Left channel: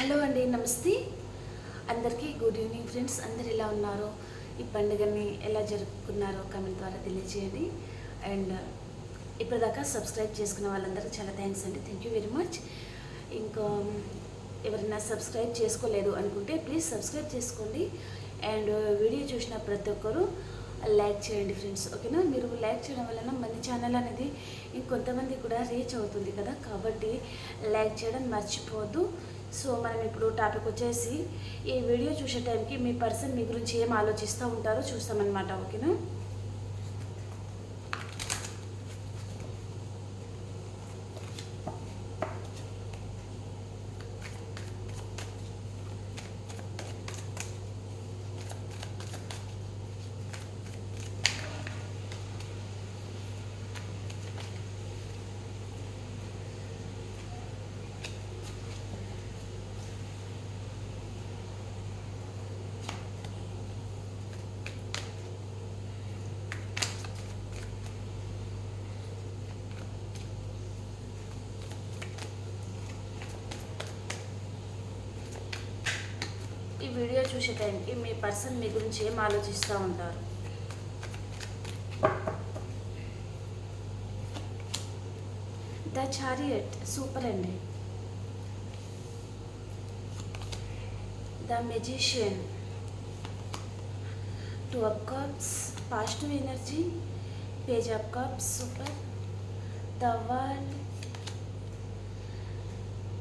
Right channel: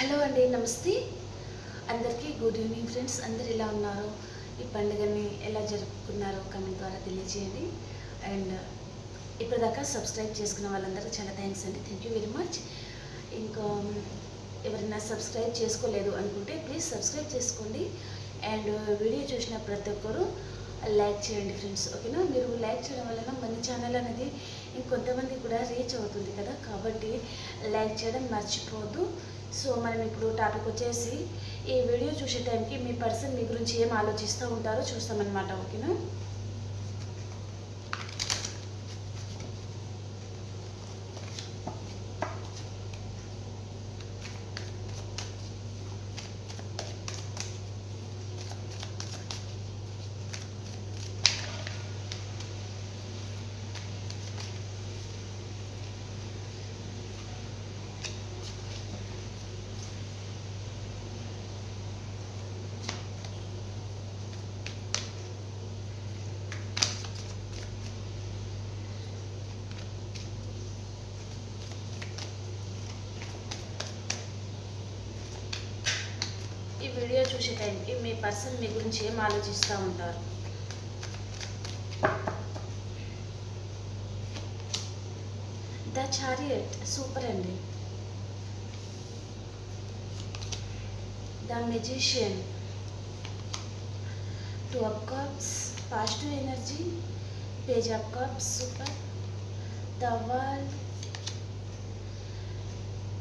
Hello అండి నమస్తే. అందరికీ గుడ్ ఈవినింగ్ ఫ్రెండ్స్. అందరు ఎలా ఉన్నారు ఈ పండుగని ఎలా జరుపుకున్నారో కమెంట్ ద్వారా తెలియజేయండి అండ్ ఇప్పటిదాకా సబ్స్క్రైబ్ చేసుకున్న వాళ్ళందరికీ చాలా థ్యాంక్స్ అండి. థ్యాంక్ యూ వెరీ మచ్ ఇంకా ఎవరైనా సబ్స్క్రైబ్ చేసుకోలేదు అనుకుంటే ప్లీజ్ సబ్స్క్రైబ్ చేసుకోండి. అండ్ వీడియో చూసిన ప్రతి ఒక్కరూ లైక్ చేయండి ఫ్రెండ్స్. ఓకేనా? మీరు లైక్ చేయడం వలన మన ఛానల్ అనేది ఇంకొంతమంది కూడా రీచ్ అవుతుంది కదా. కాబట్టి లైక్ చేయడం మర్చిపోవద్దు. సో మనం ఇప్పుడు టాపిక్ వచ్చేసి ఈ వీడియో చూసే టైంకి మీ పర్సన్ మీ గురించి ఏం ఆలోచిస్తూ ఉంటారో చూస్తామన్నమాట ఓకేనా ఈ వీడియో చూసే టైంకి మీ పర్సన్ మీ గురించి ఏం ఆలోచిస్తూ ఉంటారు? ద చారియట్ సూపర్ అండి. The magician two of cups positive energy page of cups super the world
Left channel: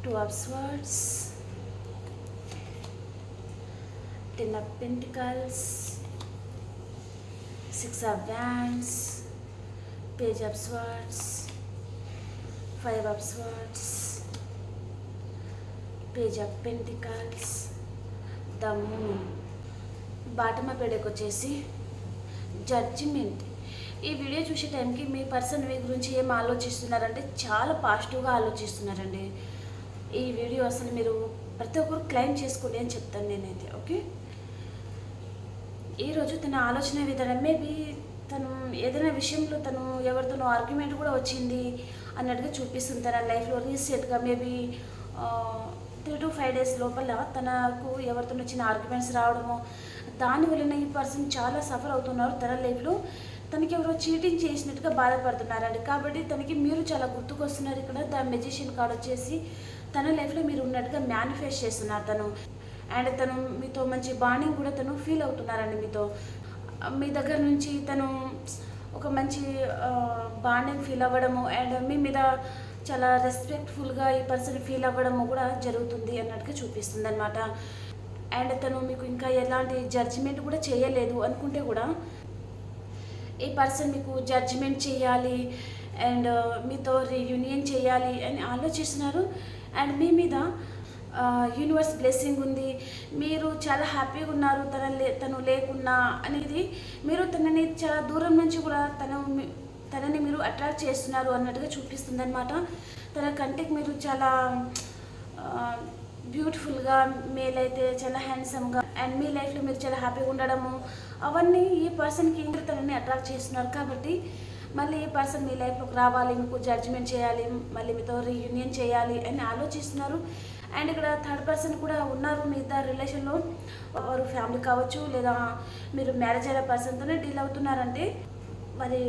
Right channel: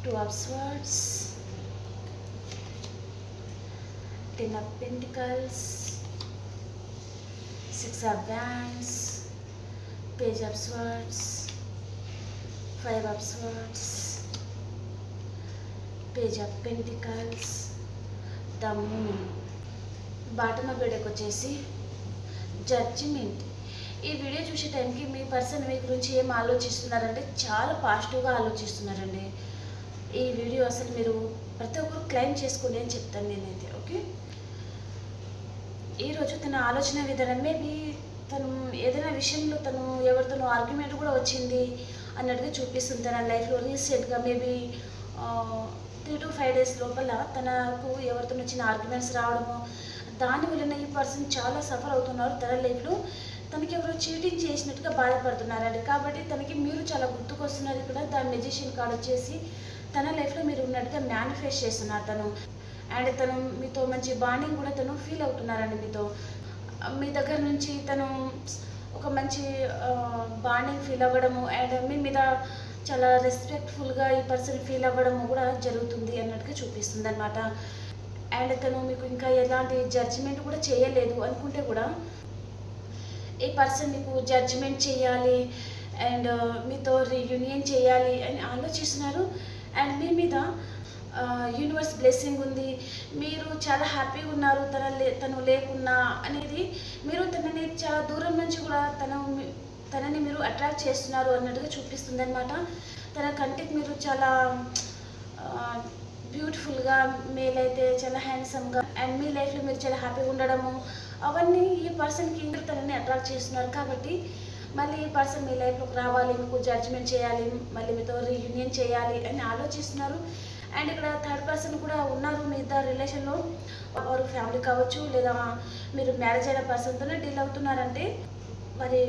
two of swords Ten of Pentacles, Six of Wands, Page of Swords, Five of Swords, Page of Pentacles, The Moon. Bottom బెడకు వచ్చేసి judgement ఈ video చూసే టైంకి మీ person మీ గురించి ఏం ఆలోచిస్తున్నారంటే చాలా పాజిటివ్గా ఆలోచిస్తున్నారండి. ఈ video అసలు మీరు ప్రతి ఒక్కరు క్లైమ్ చేసుకోండి అని చెప్తాను నేనైతే. ఈరోజు తన ఆలోచన విధానం మేబీ తను ఏదైనా విషయంలో తను ఎవరితోనో ఆర్గ్యుమెంట్ కూడా వచ్చింది అన్నట్టుగా చూపిస్తుంది తన లైఫ్లో రీసెంట్గా maybe three to five days లోపల తనకు ఎవరితో వచ్చిన ఆర్గ్యుమెంట్స్ రావడము దాని వలన ఈ పర్సన్ చాలా సఫర్ అవుతున్నారు తన లైఫ్లో తనకి ఎవరో చీటింగ్ చేసినట్టుగా బాధపడుతున్నారండి. కాబట్టి తనకి మీరు చాలా గుర్తుకొస్తున్నారు ఇక్కడ ద మెజిషియన్ కార్డ్ వచ్చేసి తన లైఫ్లో మీరు ఉన్నట్టుగా మేనిఫెస్ట్ చేస్తున్నారు తను. అండ్ తను మీతో మంచి బాండింగ్ కూడా తను ఫీల్ అవుతున్నారండి మీతో. మీ దగ్గర నుంచి తను ఒక మంచి బాండింగ్ ఫీల్ అవ్వడము అండ్ మీ మీద చాలా రెస్పెక్ట్ఫుల్గా ఈ పర్సన్ ఫీల్ అవ్వడము కూడా జరుగుతుంది అన్నట్టుగా చూపిస్తుంది అనమాట అండ్ తను మీకు ఇంకా ఎలాంటి జడ్జిమెంట్ కూడా చేయలేదు అనుకుంటే కూడా ఈ పర్సన్ మీకు జడ్జిమెంట్ చేయాలి అండ్ మీతో రీయూనియన్ చేయాలి అని ఆలోచిస్తున్నారు. అండ్ మీ మీద యూనివర్స్ బ్లెస్సింగ్ ఉంది. మీరు చాలా హ్యాపీగా ఉన్నారు. తన లే తను లేకున్నా అనేది మీరు తనని చాలా దూరం నుంచి కూడా తన తనని మీరు అట్రాక్ట్ చేస్తున్నారు అన్నట్టుగా చూపిస్తుంది అనమాట తన కంటికి మీరు చాలా బ్యూటిఫుల్గా మేలైతే చాలా హ్యాండ్సమ్గా అండ్ మీ లైఫ్లో మీరు చాలా హ్యాపీగా ఉండడము అవన్నీ ఈ పర్సన్కి ఇంకా తనని అట్రాక్ట్ చేస్తున్నారు కాబట్టి మళ్ళీ ఈ పర్సన్ మీ లైఫ్లోకి రావాలి. మీకు జడ్జిమెంట్ చేయాలి. మళ్ళీ మీతో రీయూనియన్ చేయాలి అని ఆలోచిస్తున్నారు. అండ్ ఇక్కడ థర్డ్ పర్సన్ కూడా ఉన్నారు మీ ఇద్దరు రిలేషన్లో వారు ఫ్యామిలీ కావచ్చు లేదా మీరు మ్యారేజ్ అయిన పర్సన్తోనే డీల్ అవుతున్నారంటే వారి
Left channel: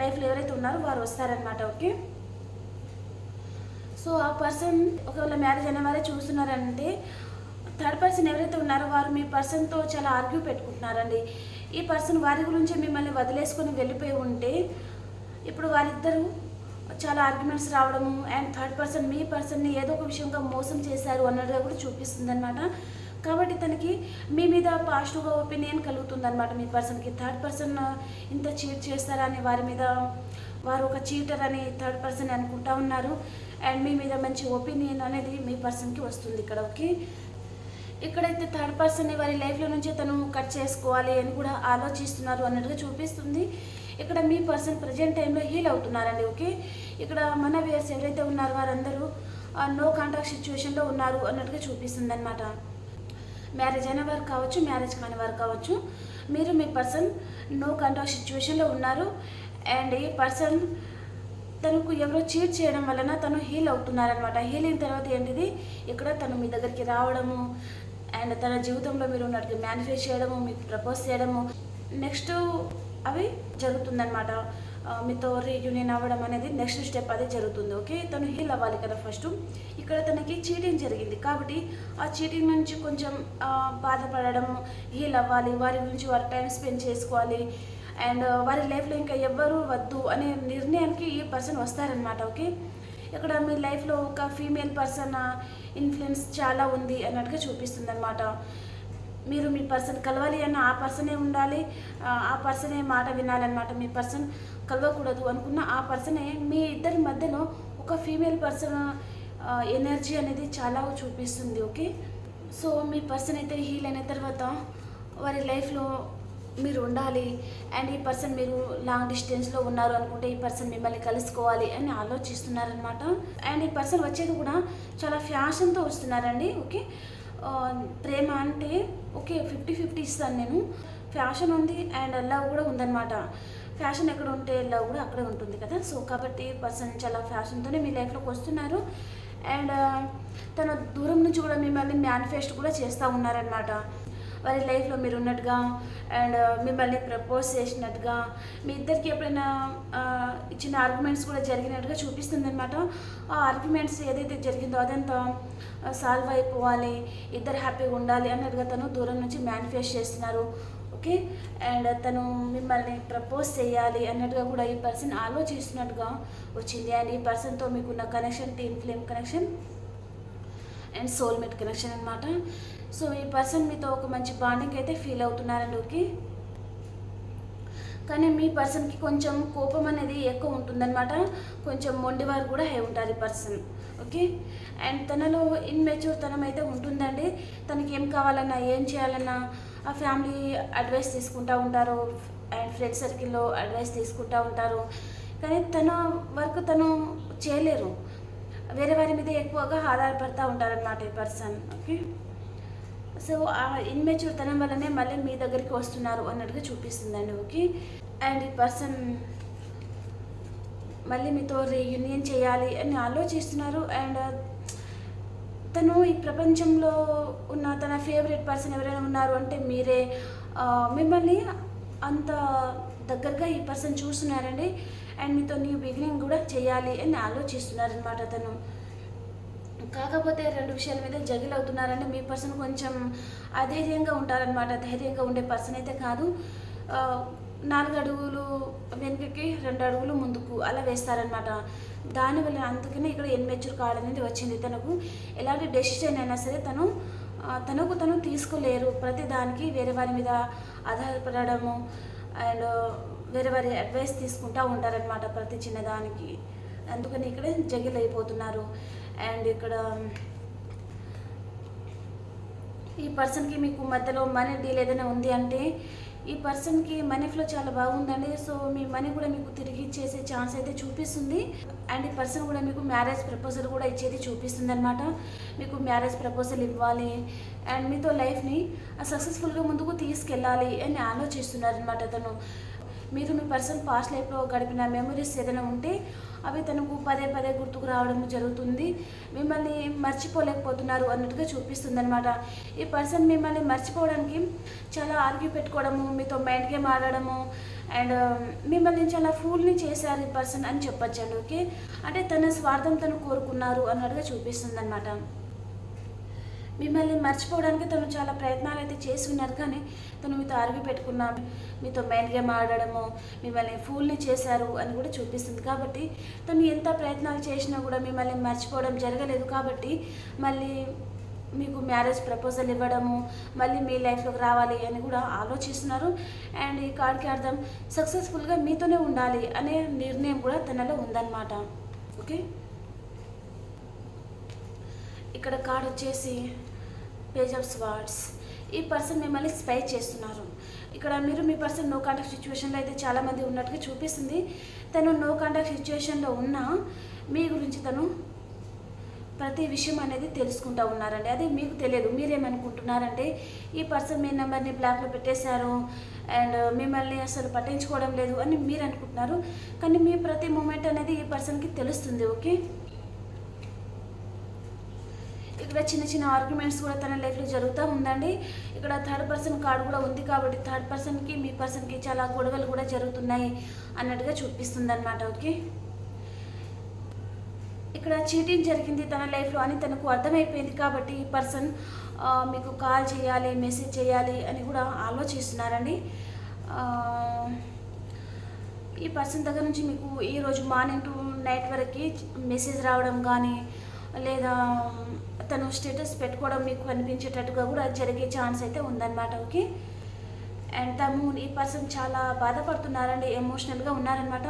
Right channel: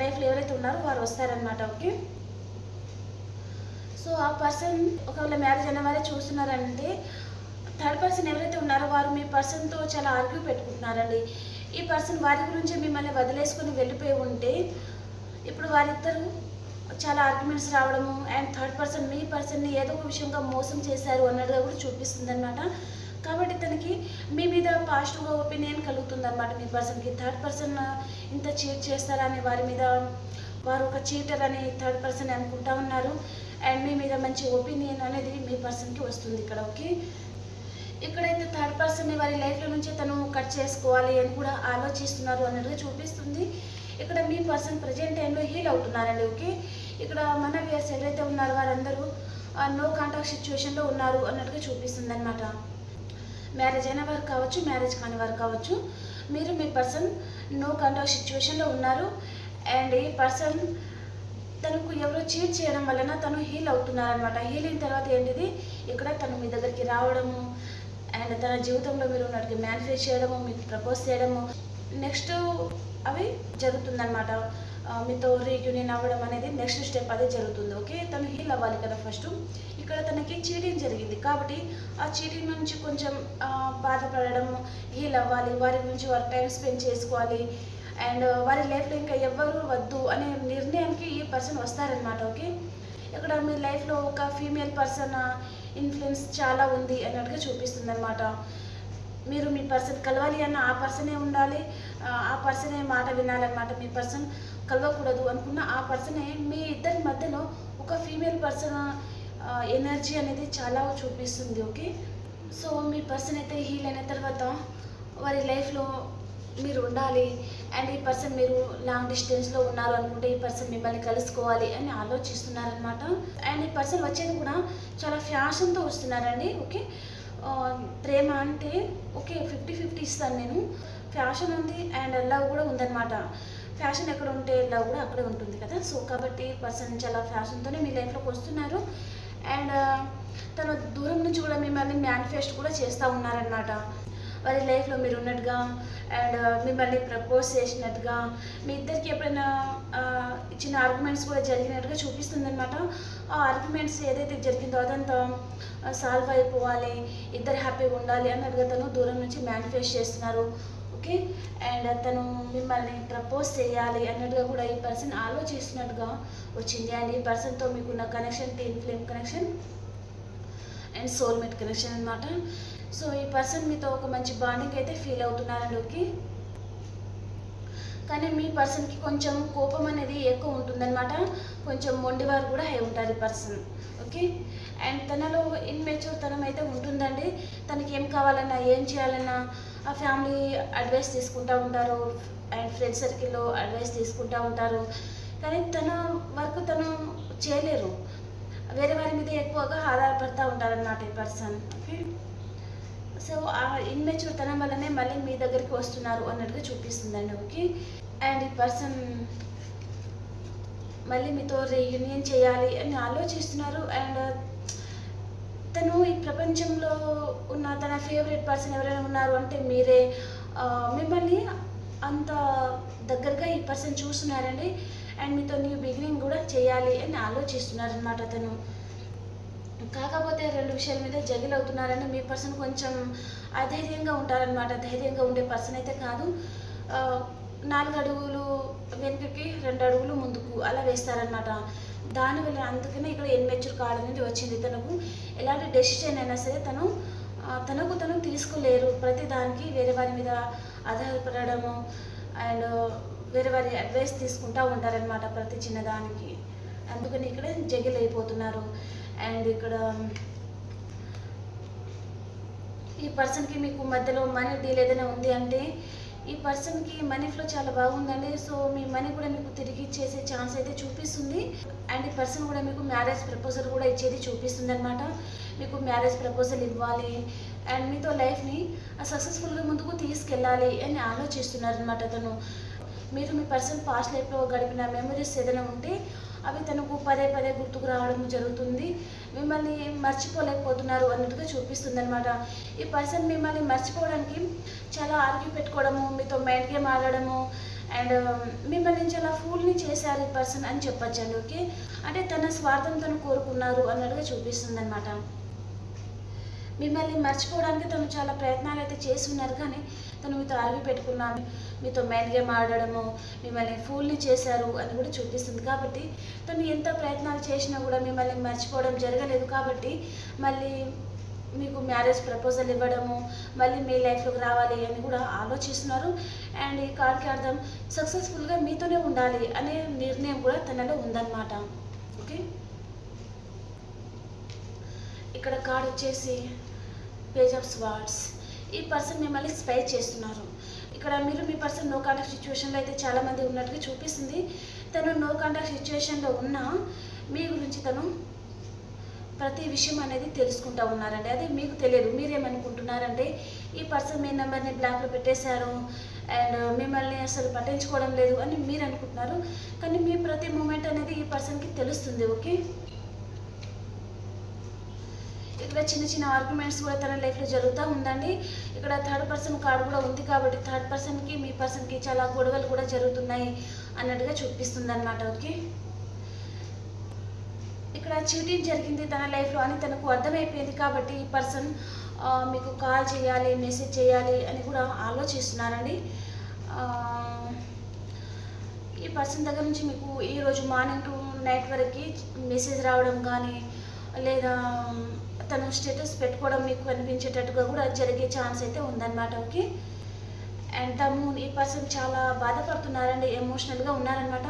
లైఫ్లో ఎవరైతే ఉన్నారో వారు వస్తారనమాట ఓకే సో ఆ పర్సన్ ఒకవేళ మ్యారేజ్ అయిన వారే చూస్తున్నారంటే థర్డ్ పర్సన్ ఎవరైతే ఉన్నారో వారు మీ పర్సన్తో చాలా ఆర్గ్యూ పెట్టుకుంటున్నారండి. ఈ పర్సన్ వారి గురించి మిమ్మల్ని వదిలేసుకొని వెళ్ళిపోయి ఉంటే ఇప్పుడు వారిద్దరూ చాలా ఆర్గ్యుమెంట్స్ రావడము అండ్ థర్డ్ పర్సన్ మీ పర్సన్ని ఏదో ఒక విషయంగా మోసం చేశారు అన్నట్టుగా కూడా చూపిస్తుంది అనమాట కాబట్టి తనకి మీ మీద పాజిటివ్గా ఒపీనియన్ కలుగుతుంది అనమాట మీ పర్సన్కి థర్డ్ పర్సన్ ఇంత చీట్ చేస్తారని వారి మీద వారు ఒక చీటర్ అని థర్డ్ పర్సన్ అనుకుంటా ఉన్నారు. అండ్ మీ మీద మంచి ఒపీనియన్ అనేది మీ పర్సన్కి వస్తుంది ఇక్కడ ఓకే? ఇక్కడైతే థర్డ్ పర్సన్ని వారి లైఫ్లో నుంచి తను కట్ చేసుకోవాలి అని కూడా ఆలోచిస్తున్నారు అన్నట్టుగా చూపిస్తుంది. ఇక్కడ మీ పర్సన్ ప్రజెంట్ టైంలో హీల్ అవుతున్నారండి ఓకే? ఇక్కడ మన వ్యూయర్స్ ఎవరైతే ఉన్నారో వారందరూ నో కాంటాక్ట్ సిచ్యువేషన్లో ఉన్నారు అన్నట్టుగా చూపిస్తుంది అనమాట మ్యారేజ్ అయిన వారు కావచ్చు మ్యారేజ్ కాని వారు కావచ్చు మీరు మీ పర్సన్ నో కాంటాక్ట్ సిచ్యువేషన్లో ఉన్నారు అండ్ ఈ పర్సన్ తనకు ఎవరో చీట్ చేయడం వలన తను హీల్ అవుతున్నారనమాట హీల్ అయిన తర్వాత ఏంటిది? ఇక్కడ తను మీ దగ్గరికి రావడము అండ్ తన జీవితంలో మీరు ఉన్నట్టుగా మేనిఫెస్ట్ చేయడము మీకు ప్రపోజ్ చేయడము. నెక్స్ట్ అవి జరుగుతుందనమాట మీతో రీయూనియన్ అవ్వడం అనేది నెక్స్ట్ స్టెప్ అదే జరుగుతుంది ఓకే తను హీల్ అవ్వాలి కదా ఫస్ట్ ఇక్కడ తనకి చీటింగ్ జరిగింది కాబట్టి ఆ చీటింగ్ నుంచి కొంచెం బాధపడడం హీల్ అవ్వాలి వారి గురించి వారు టైం స్పెండ్ చేసుకోవాలి. అండ్ వారి లైఫ్లో ఇంకా ఎవ్వరూ వద్దు అనే నిర్ణయానికి ఈ పర్సన్ వస్తారనమాట ఓకే ఇక్కడ మీ లైఫ్లో ఒక ఫీమేల్ పర్సన్ ఇన్ఫ్లుయెన్స్ చాలా ఉంది అన్నట్టుగా చూపిస్తుంది అనమాట మీరు మీ పర్సన్ కలవాలి అన్న ఆ పర్సనే ఉండాలి ఆ, పర్సన్ పర్సనే మాట వినాలన్నమాట మీ పర్సన్ కలవకూడదు అనుకున్న ఆ పర్సనే మీ ఇద్దరి మధ్యలో ఒక ఫీమేల్ పర్సన్ ఎనర్జీ అనేది చాలా చూపిస్తుంది ఓకే? సో మీ పర్సన్ అయితే హీల్ అయిన తర్వాత వారి లైఫ్లో మీరు ఉండాలి అండ్ ఈ పర్సన్ మీరు లాంగ్ డిస్టెన్స్లో ఉన్నారు అనుకుంటే ఈ పర్సన్ మిమ్మల్ని కలుసుకోవాలి అని ఆలోచిస్తున్నారనమాట అండ్ ఈ పర్సన్ వచ్చేది కూడా చాలా ఫ్యాషన్తో వస్తున్నారండి ఓకే? ప్రేమ అంటే ఓకే ఫిఫ్టీ ఫిఫ్టీ ఇస్తాను నేను. ఫ్యాషన్ ఉంది అండ్ లవ్ కూడా ఉందన్నమాట. ఫ్యాషన్ ఎక్కడ ఉంటే లవ్ కూడా అక్కడే ఉంటుంది కదా. సో కాబట్టి పర్సన్ చాలా ఫ్యాషన్తోనే మీ లైఫ్లోకి వస్తున్నారు. అండ్ తన దూరం నుంచి కూడా మిమ్మల్ని మేనిఫెస్ట్ కూడా చేస్తూ ఉన్నారనమాట వారి లైఫ్లో మీరు ఉన్నట్టుగా అండ్ మిమ్మల్ని ప్రపోజ్ చేసినట్టుగా మీ ఇద్దరికి ఎప్పుడైనా ఇచ్చిన ఆర్గ్యుమెంట్స్ కూడా జరిగినట్టుగా చూపిస్తుంది అనమాట ఆ ఆర్గ్యుమెంట్స్ ఏదైతే జరిగిందో అదంతా సాల్వ్ అయిపోవాలి ఇద్దరు హ్యాపీగా ఉండాలి అన్నట్టుగా తను దూరం నుంచి మేనిఫెస్ట్ చేస్తున్నారు. ఓకే? అండ్ తను మిమ్మల్ని ప్రపోజ్ చేయాలి అన్నట్టుగా కూడా ఈ పర్సన్ ఆలోచిస్తున్నట్టుగా వచ్చింది. అండ్ ఈ పర్సన్తో మీకున్న connection twin flame connection and soulmate connection అనమాట సో ఈ పర్సన్ మీతో ఒక మంచి బాండింగ్ అయితే ఫీల్ అవుతున్నారండి ఓకే కానీ మీ పర్సన్కి కొంచెం కోపం అనేది ఎక్కువ ఉంటుందన్నమాట. కొంచెం మొండివారు కూడా అయి ఉంటారు ఈ పర్సన్ ఓకే? అండ్ తనలో ఇన్మెచ్యూర్ తనం అయితే ఉంటుందండి. తనకి ఏం కావాలన్నా ఏం చేయాలన్నా ఆ ఫ్యామిలీ అడ్వైస్ తీసుకుంటూ ఉంటారు. అండ్ ఫ్రెండ్ సర్కిల్లో అడ్వైస్ తీసుకుంటూ ఉంటారు. కానీ తన వర్క్ తను చేయలేరు. వేరే వారి మీద ఎక్కువగా ఆధారపడుతూ ఉంటారన్నమాట ఈ పర్సన్ ఓకే? సో ఆ ఇన్మెచ్యూర్ తనం వల్లనే మళ్ళీ మీ దగ్గరికి వస్తున్నారు అన్నట్టుగా చూపిస్తుందండి ఓకే. అండ్ ఈ పర్సన్ మళ్ళీ మీతో రీయూనియన్ చేయాలి అని ఆలోచిస్తున్నారు అండ్ uh, తను ఈ ప్రపంచంలో ఉన్న తన ఫేవరెట్ పర్సన్ ఎవరైనా ఉన్నారు అంటే మీరే మిమ్మల్ని అంత దగ్గరగా ఈ పర్సన్ చూస్తున్నారండి. అండ్ మీతో న్యూ బిగినింగ్ కూడా చేయాలి అని ఆలోచిస్తున్నారనమాట తను. కాకపోతే రెండు విషయాల మీద జగిల్ అవుతున్నారంటే మీ పర్సన్ కొంచెం అధైర్యంగా ఉంటారనమాట ధైర్యంగా ఉండే పర్సన్ అయితే కాదు. నాలుగు అడుగులు వెనుకకి రెండు అడుగులు ముందుకు అలా వేస్తారనమాట దానివల్ల అందుకనే ఇక్కడ ఎన్మెచ్యూర్ కావడం అనేది వచ్చింది. తనకు ఎలాంటి డెసిషన్ అయినా సరే తను తనకు తను తీసుకోలేరు. ప్రతి దానికి వేరే వారి మీద ఆధారపడము అండ్ వేరే వారి అడ్వైస్ తీసుకుంటూ ఉంటారనమాట ప్రతి చిన్నదానికి. అందుకని ఇక్కడ జగిల్ అయిపోతున్నారు. అండ్ ఇక్కడ ఈ పర్సన్కి మీకు మధ్యలో మనీ డీల్ ఏదైనా ఉంది అంటే ఈ పర్సన్కి మనీ ఫ్లో చాలా బాగుందండి. సో మీ మనీ కూడా మీకు తిరిగి ఇచ్చేసే ఛాన్స్ అయితే చూపిస్తుంది. అండ్ ఈ పర్సన్ కూడా మీకు మ్యారేజ్ ప్రపోజల్ కూడా ఇచ్చేది చూపిస్తుంది అనమాట మీకు మ్యారేజ్ ప్రపోజల్ ఇవ్వాలి. అండ్ మీతో లైఫ్ని సక్సెస్ఫుల్గా ముందుకు తీసుకెళ్ళాలి అని ఆలోచిస్తున్నారు అనమాట అతను. మీరు మీ పర్సన్ పాస్ట్ లైఫ్లో గడిపిన మెమరీస్ ఏదైనా ఉంటే అవి తనకు పదే పదే గుర్తుకు రావడం జరుగుతుంది. మిమ్మల్ని మర్చిపోలేకపోతున్నారు అన్నట్టుగా చూపిస్తుంది అనమాట ఈ పర్సన్ మిమ్మల్ని మర్చిపోవడానికి చాలా ఆర్గ్యూ పెట్టుకోవడము మీతో మైండ్ గేమ్ ఆడడము అండ్ మిమ్మల్ని చాలా ఫూల్ని చేశారు ఈ పర్సన్ అని చెప్పొచ్చండి ఓకే? అంటే తన స్వార్థం తను కోరుకున్నారు అన్నట్టుగా చూపిస్తుంది అనమాట మిమ్మల్ని మర్చిపోవడానికి తను చాలా ప్రయత్నాలు అయితే చేసి ఉన్నారు కానీ తను మీతో అరవి పెట్టుకున్నా మీతో మైండ్ గేమ్ ఆడడము మిమ్మల్ని ఫూల్ని చేశారు అని కూడా చూపిస్తుంది కాబట్టి తను ఎంత ప్రయత్నాలు చేసినా కూడా మిమ్మల్ని మర్చిపోవడం జరగలేదు కాబట్టి మళ్ళీ మీకు మ్యారేజ్ ప్రపోజల్ ఇవ్వడము మళ్ళీ మీ లైఫ్లోకి రావాలి అని కూడా ఆలోచిస్తున్నారు. అండ్ ఈ కార్డ్కి అర్థం సక్సెస్ఫుల్గా మీతోనే ఉండాలి అనే నిర్ణయం కూడా తనలో ఉందన్నమాట. ఓకే? ఇక్కడ కార్డ్ వచ్చేసి పేజ్ ఆఫ్ స్వార్డ్స్ ఈ పర్సన్ మిమ్మల్ని స్పై చేస్తున్నారు. ఇక్కడ మీరు మీ పర్సన్ నో కాంటాక్ట్ సిచ్యువేషన్లో అయితే చాలామంది ఉన్నట్టుగా చూపిస్తుంది. తను నో కాంటాక్ట్ సిచ్యువేషన్లో ఉన్నా మీ గురించి తను ప్రతి విషయం అనేది తెలుసుకుంటా ఉన్నారండి. అదే మీకు తెలియదు. మీరేమనుకుంటున్నారంటే ఈ పర్సన్ మీ నెంబర్ని బ్లాక్లో పెట్టేశారు అండ్ మిమ్మల్ని అసలు పట్టించుకోవడం లేదు అని మీరు అనుకుంటున్నారు. కానీ మీ ప్రతి మూమెంట్ అనేది ఈ పర్సన్కి తెలుస్తుంది. ఓకే ఇక్కడ చిన్న చిన్న ఆర్గ్యుమెంట్స్ కూడా తన లైఫ్లో జరుగుతూ ఉందండి. ఇక్కడ థర్డ్ పర్సన్ కార్డు కూడా ఉంది కాబట్టి థర్డ్ పర్సన్కి మీ పర్సన్కి చాలా గొడవలు కూడా జరుగుతున్నాయి అన్నట్టుగా చూపిస్తుంది అనమాట ఓకే. ఇక్కడ చీటింగ్ జరిగింది తన లైఫ్లో అని తనకు అర్థమైపోయింది కాబట్టి ఈ పర్సన్ మీకు కాల్ చేయాలి మెసేజ్ చేయాలి అని కూడా ఆలోచిస్తున్నారండి. ఈ పర్సన్ దగ్గర నుంచి మీకు ఈరోజు మార్నింగ్ టు నైట్ వరకు మెసేజ్ రావడం కానీ లేదా తను స్టేటస్ పెట్టుకోవడం మీకు కనిపించేటట్టుగా కూడా జరిగే ఛాన్స్ అయితే ఉందన్నమాట ఓకే? అండ్ ద ఈ పర్సన్ చాలా బాధపడుతున్నారండి ఎమోషనల్గా ఉన్నారనమాట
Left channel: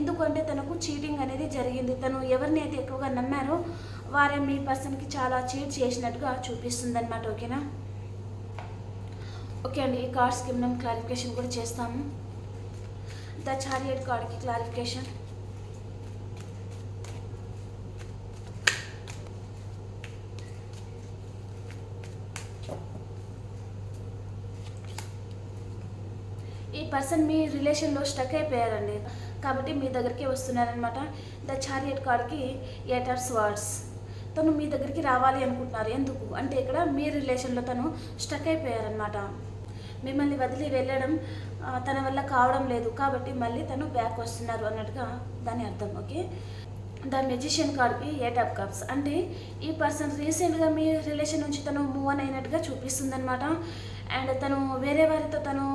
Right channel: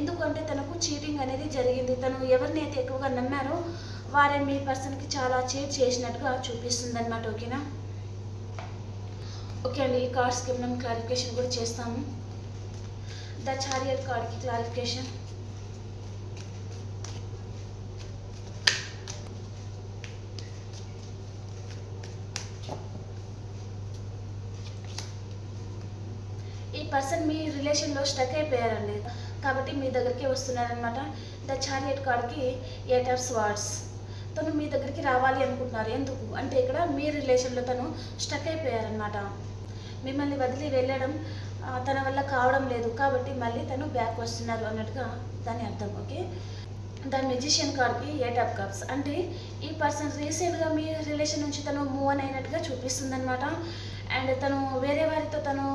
ఎందుకంటే తనకు చీటింగ్ అనేది జరిగింది. తను ఎవరిని అయితే ఎక్కువగా నమ్మారో వారే మీ పర్సన్కి చాలా చీట్ చేసినట్టుగా చూపిస్తుంది అనమాట ఓకేనా? ఓకే అండి ఈ కార్డ్స్కి మనం క్లారిఫికేషన్ కూడా చేస్తాము. ద చారియర్ కార్డ్కి క్లారిఫికేషన్ ఈ పర్సన్ మీ రిలేషన్లో స్టక్ అయిపోయారండి. కాబట్టి మీ దగ్గరికి వస్తున్నారనమాట ద చారియట్ కార్డ్కి ఎయిటర్స్ వర్డ్స్ తను మీ దగ్గరికి రావాలి అనుకుంటున్నారు. ఎందుకు? అంటే ఇక్కడ మీ రిలేషన్లో తను స్టక్ అయిపోయారనమాట మిమ్మల్ని వదిలి వెళ్ళడం తన వల్ల కావడం లేదు. కాబట్టి మళ్ళీ తను బ్యాక్ వస్తున్నారు అన్నట్టుగా దాని అర్థం. ఓకే? ద మెజిషియన్ కార్డ్కి ఎయిట్ ఆఫ్ కప్స్. అంటే ఈ పర్సన్ రీసెంట్గా మీ రిలేషన్ నుంచి తను మూవ్ అని అయినట్టుగా చూపిస్తుంది అనమాట అండ్ తను వేరే వారితో తను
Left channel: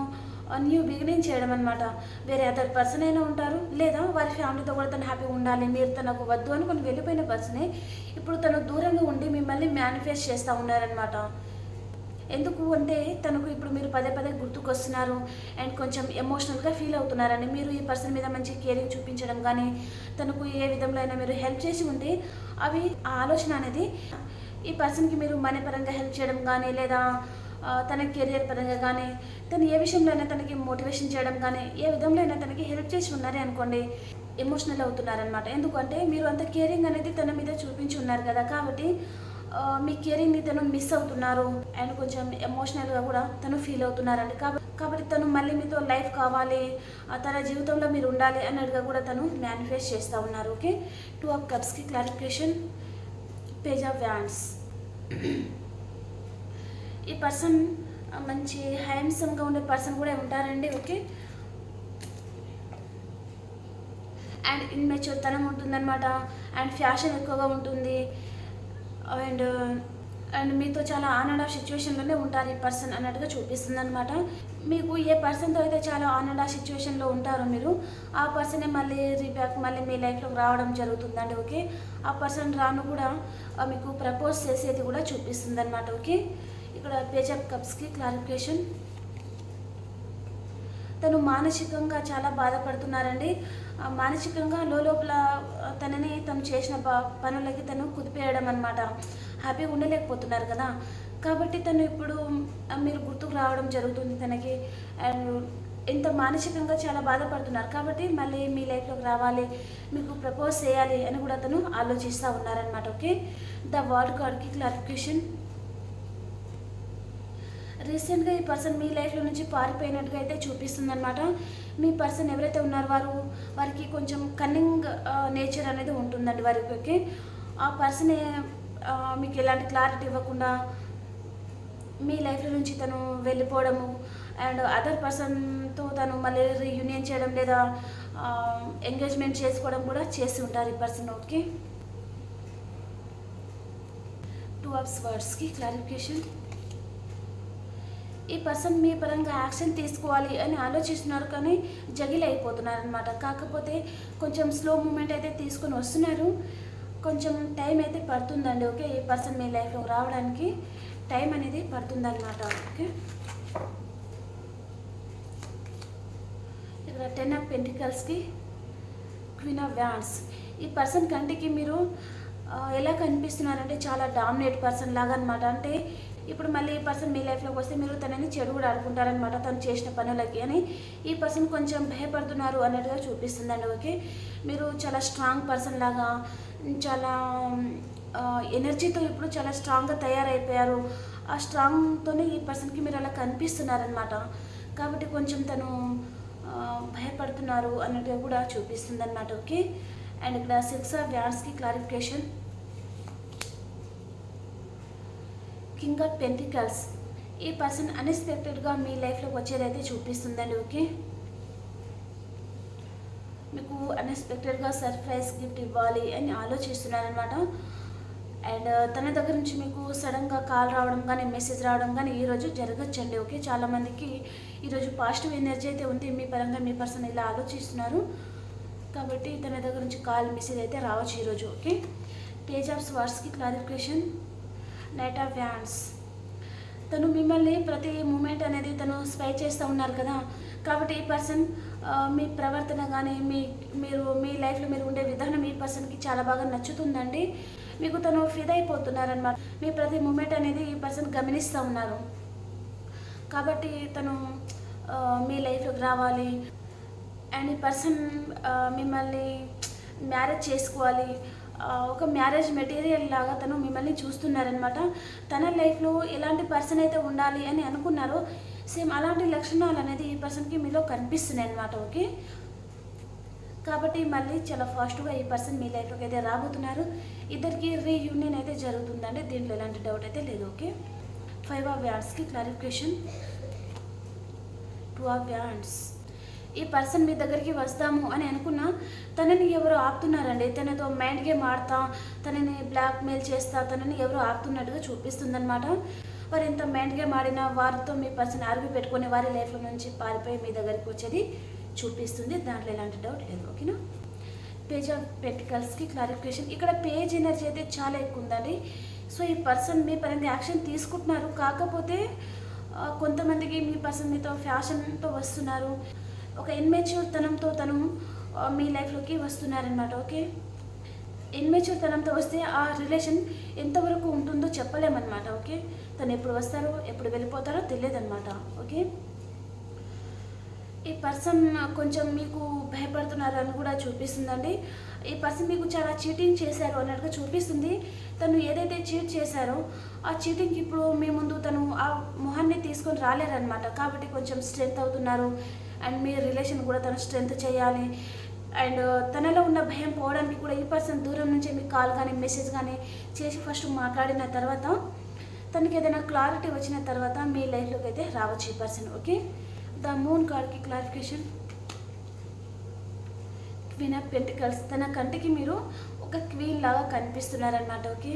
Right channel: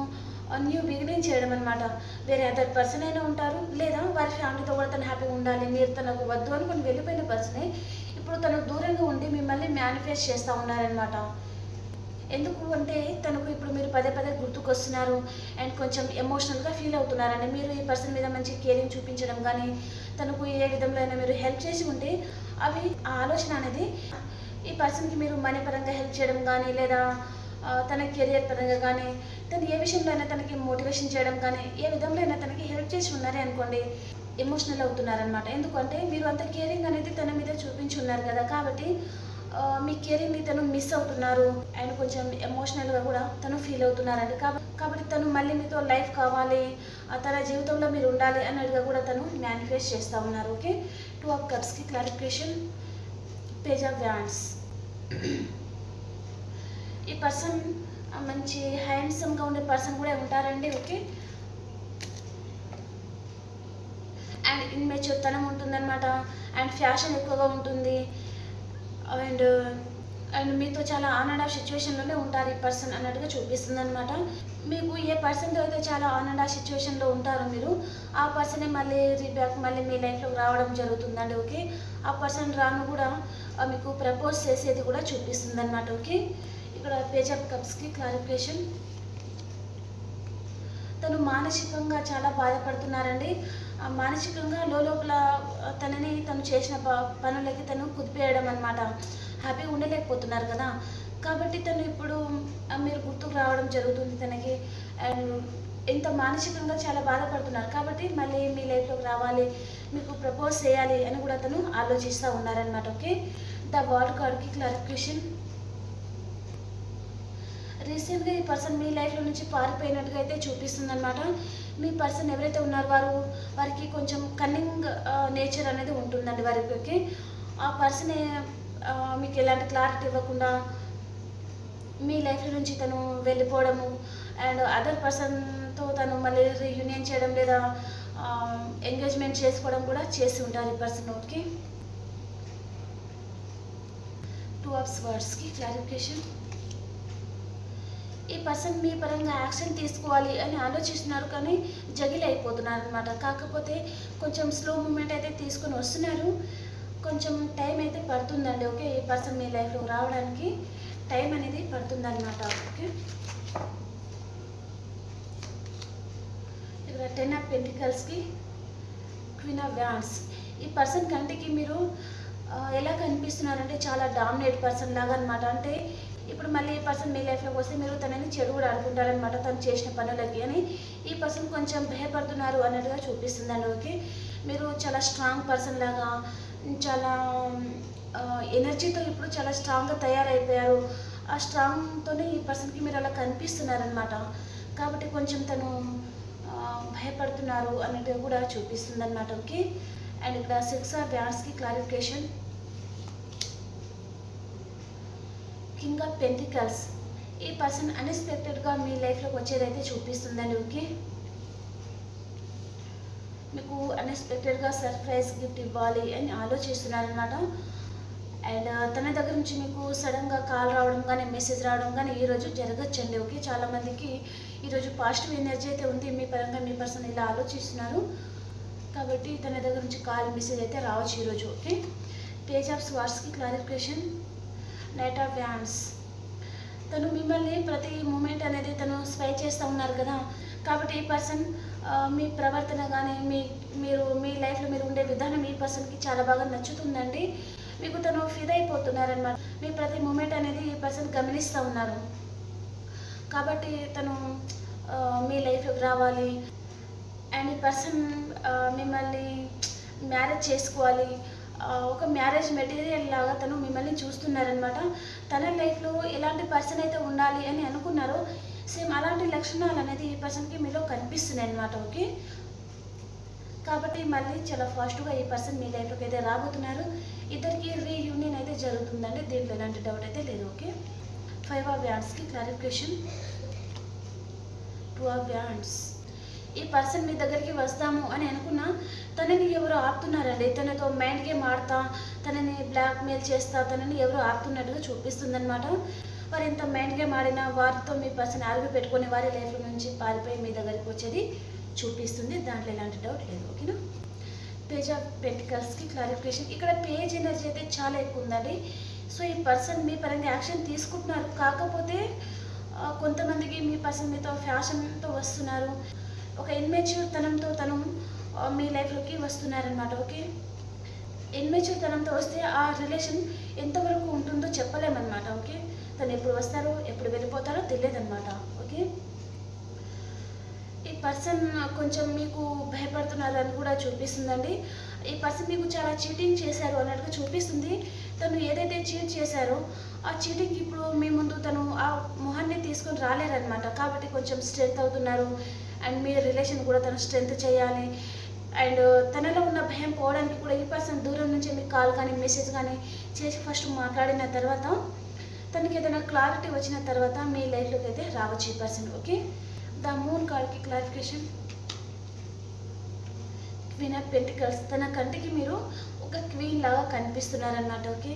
న్యూ బిగినింగ్ చేయడం అనమాట వేరే అదర్ పర్సన్ అయినా ఉంటారు లేదా వారి ఫ్యామిలీతో కూడా తను హ్యాపీగా ఉండాలి మీరు తనకు వద్దు అనుకుని వెళ్ళిపోయిన పర్సనే ఇప్పుడు తను దూరంగా ఉండి మిమ్మల్ని మేనిఫెస్ట్ చేస్తూ ఉన్నారనమాట ఎందుకు అంటే తనకు ఇప్పుడు మీరు పదే పదే గుర్తుకొస్తున్నారు అండ్ కొంచెం ఎమోషనల్గా ఫీల్ అవుతున్నారని మీరు ఈ పర్సన్ మీద మంచి కేరింగ్ చూపించడం కానీ తనకు ఏ విధంలో అయినా మీరు హెల్ప్ చేసి ఉంటే అవి ఆ ఆలోచన అనేది ఈ పర్సన్కి మీరు మనీ పరంగా హెల్ప్ చేయడం కానీ లేదా తన కెరియర్ పరంగా కానీ తను ఏ విషయంలో అయినా తనకి మోటివేషన్ చేయడం కానీ ఏ విధంలో అయినా తనకి హెల్ప్ చేసి ఉన్నారే అనుకోండి ఎమోషనల్ అవుతున్నారనమాట ఎందుకంటే మీరు అంత కేరింగ్ అనేది తన మీద చూపించి ఉన్నారు కదా కాబట్టి మీ కేరింగ్ని తను మిస్ అవుతున్నారు అండ్ కొంచెం ఎమోషనల్గా కూడా తను ఫీల్ అవుతున్నారండి. కాబట్టి కాబట్టి తను మళ్ళీ మీతో లైఫ్ కావాలి తన జీవితంలో మీరు ఉండాలి అన్నట్టుగా కూడా తను మేనిఫెస్ట్ చేస్తూ ఉన్నారు. ఓకే టూ ఆఫ్ కప్స్కి క్లారిఫికేషన్ పేజ్ ఆఫ్ వ్యాండ్స్ ఈ పర్సన్ మంచి హ్యాండ్సమ్గా ఉండే పర్సన్ కూడా ఉంటారండి ఓకే అండ్ ఇన్మెచ్యూర్ తనం ఉంటుందన్నమాట. అండ్ ఫ్యాషన్ ఎక్కువగా ఉంటుంది. అండ్ అండ్ మీతో చాలా ఆన్ అండ్ ఆఫ్ సిచ్యువేషన్లోనే ఉంటారు ఈ పర్సన్ అన్నట్టుగా చూపిస్తుంది అనమాట మీకు ఏ పర్సన్తో అయితే చాలా ఆన్ అండ్ ఆఫ్ సిచ్యువేషన్లో ఉంటారో మీరు ఆ పర్సనే మళ్ళీ రీబ్యాక్ మళ్ళీ మీ లైఫ్లోకి రావడం జరుగుతుందండి ఓకే ఆ పర్సన్ రాను కూడా మీకు ప్రపోజ్ చేసేది కూడా చూపిస్తుంది అనమాట ఓకే ఇక్కడ పేజ్ ఆఫ్ కప్స్కి క్లారిఫికేషన్. తను మానసికంగా చాలా బాధపడుతున్నారండి. మానసికంగా లోపల తనని తను చేసిన ప పనులకి తను కుదిపేయడం అనమాట హ్యాపీగా ఉండలేకపోతున్నారు కదా. కాబట్టి తను ఇప్పుడు మీరు గుర్తుకు రావడం జరుగుతుంది తనకి. అండ్ ఎంత మానసికంగా చాలా బాధపడుతున్నారు. కాబట్టి మళ్ళీ మీ లైఫ్లోకి రావాలి మీకు ప్రపోజ్ చేయాలి అని కూడా తను ఆలోచిస్తూ ఉన్నారనమాట ఓకే? ద వార్డ్ కార్డ్కి క్లారిఫికేషన్. రీసెంట్గా ఈ పర్సన్ మీ లైఫ్లో నుంచి పారిపోయినట్టుగా అయితే చూపిస్తుంది అనమాట మీ పర్సన్ ఎవరైతే ఉన్నారో వారు వారికి కొంచెం కన్నింగ్ నేచర్ అనేది ఉంటుందండి వారికి ఆ పర్సన్ మీకు ఎలాంటి క్లారిటీ ఇవ్వకుండా మీ లైఫ్లో నుంచి తను వెళ్ళిపోవడము అండ్ అదర్ పర్సన్తో తను మళ్ళీ రీయూనియన్ చేయడం లేదా ఎంగేజ్మెంట్ చేసుకోవడం కూడా చేసి ఉంటారు ఈ పర్సన్ ఓకే. టూ అవర్స్ వర్డ్స్కి క్లారిఫికేషన్ ఈ పర్సన్ మీ పరంగా యాక్షన్ తీసుకోవాలి అని ఆలోచిస్తున్నారు కానీ జగిల్ అయిపోతున్నారు అనమాట కాకపోతే కొంచెం స్లో మూమెంట్ అయితే తీసుకొని వస్తున్నారు. కొంచెం టైం అయితే పడుతుందండి ఓకే? ఈ పర్సన్ మీ లైఫ్లో రావడానికి టైం అనేది పడుతుందన్నమాట ఓకే? ఇక్కడ టెన్ ఆఫ్ పెంటికల్స్కి క్వీన్ ఆఫ్ వ్యాన్స్. ఈ పర్సన్ కంటికి మీరు ఎలా కనిపిస్తున్నారంటే చాలా డామినేట్ పర్సన్ లాగా అనమాట అంటే ఇప్పుడు మళ్ళీ ఈ పర్సన్ మీ లైఫ్లోకి వస్తే మీరు తనని చెడు కూడా అనుకుంటారనమాట తను చేసిన పనులకి. అని ఈ పర్సన్ కొంచెం భయపడుతున్నారు అన్నట్టుగా చూపిస్తుందండి ఓకే? మీరు చాలా స్ట్రాంగ్ పర్సన్ లాగా చాలా ఎనర్జీతో ఇప్పుడు చాలా స్ట్రాంగ్గా తయారైపోయారు. ఆ స్ట్రాంగ్తోనే ఈ పర్సన్కి మీరు అలా కనిపిస్తున్నారనమాట కాబట్టి కొంచెం తను భయపడుతున్నారు అన్నట్టుగా కూడా చూపిస్తుంది అనమాట ఓకే? అండ్ ఇక్కడ సిక్స్ ఆఫ్ వ్యాన్స్కి క్లారిఫికేషన్ కింగ్ ఆఫ్ పెంటికల్స్ ఈ పర్సన్ అన్ఎక్స్పెక్టెడ్గా మీ లైఫ్లోకి వచ్చేదైతే చూపిస్తుందండి ఓకే మీకు అన్ఎక్స్పెక్టెడ్గా సర్ప్రైజ్ గిఫ్ట్ ఇవ్వాలి అని ఆలోచిస్తున్నారనమాట అండ్ uh, తన దగ్గర నుంచి మీకు సడన్గా కాల్ రావడం కానీ మెసేజ్ రావడం కానీ ఈరోజు జరగచ్చండి ఓకే చాలామందికి ఈరోజు పాజిటివ్ ఎనర్జీ అయితే ఉంది మీ పరంగా మీ పర్సన్ ఇలా ఆలోచిస్తున్నారు. కాబట్టి తన దగ్గర నుంచి కాల్ మెసేజ్ అయితే రావచ్చు ఈరోజు ఓకే పేజ్ ఆఫ్ స్వార్స్కి క్లారిఫికేషన్ నైట్ ఆఫ్ వ్యాన్స్ తను మిమ్మల్ని ప్రతి మూమెంట్ అనేది తను స్పై చేస్తూ ఉన్నారు కదా. కాబట్టి ఈ పర్సన్ మీ ప్రవర్తన కానీ మీ మీరు మీ లైఫ్లో మీరు ఉండే విధానం ఈ పర్సన్కి చాలా బాగా నచ్చుతుందండి. మీకు తను ఫిదా అయిపోతున్నారనమాట మీ ప్రతి మూమెంట్ అనేది ఈ పర్సన్ గమనిస్తూ ఉన్నారు. కాబట్టి తను మీ లైఫ్లోకి రావాలి. అండ్ ఈ పర్సన్ మిమ్మల్ని మ్యారేజ్ చేసుకోవాలి. ఒక మ్యారేజ్ మెటీరియల్ లాగా తను మిమ్మల్ని చూస్తున్నారనమాట తన లైఫ్లో ఎలాంటి పర్సన్ అయితే ఉండాలి అని అనుకున్నారో సేమ్ అలాంటి లక్షణాలు అనేది ఈ పర్సన్కి మీలో కనిపిస్తున్నాయి అనమాట ఓకే? కాబట్టి మళ్ళీ చాలా ఫాస్ట్గా ఈ పర్సన్ మీ లైఫ్లోకి అయితే రాబోతున్నారు. ఇద్దరికి రీయూనియన్ అయితే జరుగుతుందండి. దీంట్లో ఎలాంటి డౌట్ అయితే లేదు ఓకే? ఫైవ్ ఆఫ్ వ్యాండ్స్కి క్లారిఫికేషన్ టూ ఆఫ్ వ్యాండ్స్ ఈ పర్సన్ మీ దగ్గరికి వస్తాము అని అనుకున్నా తనని ఎవరో ఆపుతున్నారండి. తనతో మైండ్ గేమ్ ఆడతా తనని బ్లాక్మెయిల్ చేస్తా తనని ఎవరో ఆపుతున్నట్టుగా చూపిస్తుందనమాట వారు ఎంత మైండ్ గేమ్ ఆడినా వారితో మీ పర్సన్ ఆర్గ్యూ పెట్టుకునే వారి లైఫ్లో నుంచి పారిపోయి మీ దగ్గరికి వచ్చేది చూపిస్తుంది. దాంట్లో ఎలాంటి డౌట్ లేదు ఓకేనా? పేజ్ ఆఫ్ పెంటికల్స్కి క్లారిఫికేషన్. ఇక్కడ పేజ్ ఎనర్జీ అయితే చాలా ఎక్కువ ఉందండి. సో ఈ పర్సన్ మీ పరంగా యాక్షన్ తీసుకుంటున్నారు. కాకపోతే కొంతమందికి మీ పర్సన్ మీతో ఫ్యాషన్తో వస్తున్నారు. ఒక ఇన్మెచ్యూర్ తనంతో తను మీ లైఫ్లోకి వస్తున్నారనమాట ఓకే? ఇన్మెచ్యూర్ తనంతో వస్తే ఆ రిలేషన్ ఎంతవరకు ఉంటుందో చెప్పలేమన్నమాట ఓకే? తను ఎప్పుడు వస్తారో ఎప్పుడు వెళ్ళిపోతారో తెలియదన్నమాట ఓకే? ఈ పర్సన్ కొంచెం మీకు భయపడుతున్నారు అని కూడా చూపిస్తుందండి. ఈ పర్సన్ మీకు చాలా చీటింగ్ చేశారు అన్నట్టుగా చూపిస్తుంది. తను ఏదైతే చీట్ చేశారో ఆ చీటింగ్ ఇప్పుడు మీ ముందు తను ఆ మొహాన్ని తీసుకొని రాలేరనమాట కాబట్టి కొంచెం స్ట్రెంత్ అవుతున్నారు. అండ్ మీ రిలేషన్ కూడా తను స్ట్రెంత్ చేయాలి. అండ్ తనలో ఉన్న భయం పోవడానికి కూడా ఈ పర్సన్ దూరం నుంచి మీకు కాల్ కానీ మెసేజ్ కానీ చేసి ఫస్ట్ మాట్లాడిన తర్వాత తనకి ఏదైనా క్లారిటీ వచ్చిన తర్వాత మీ లైఫ్లోకి అయితే రావచ్చు ఈ పర్సన్ ఓకే? ద మూన్ కార్డ్కి క్లారిఫికేషన్. Queen of pentacles. తన కంటికి మీరు ఒక క్వీన్ లాగా కనిపిస్తున్నారనమాట ఓకే?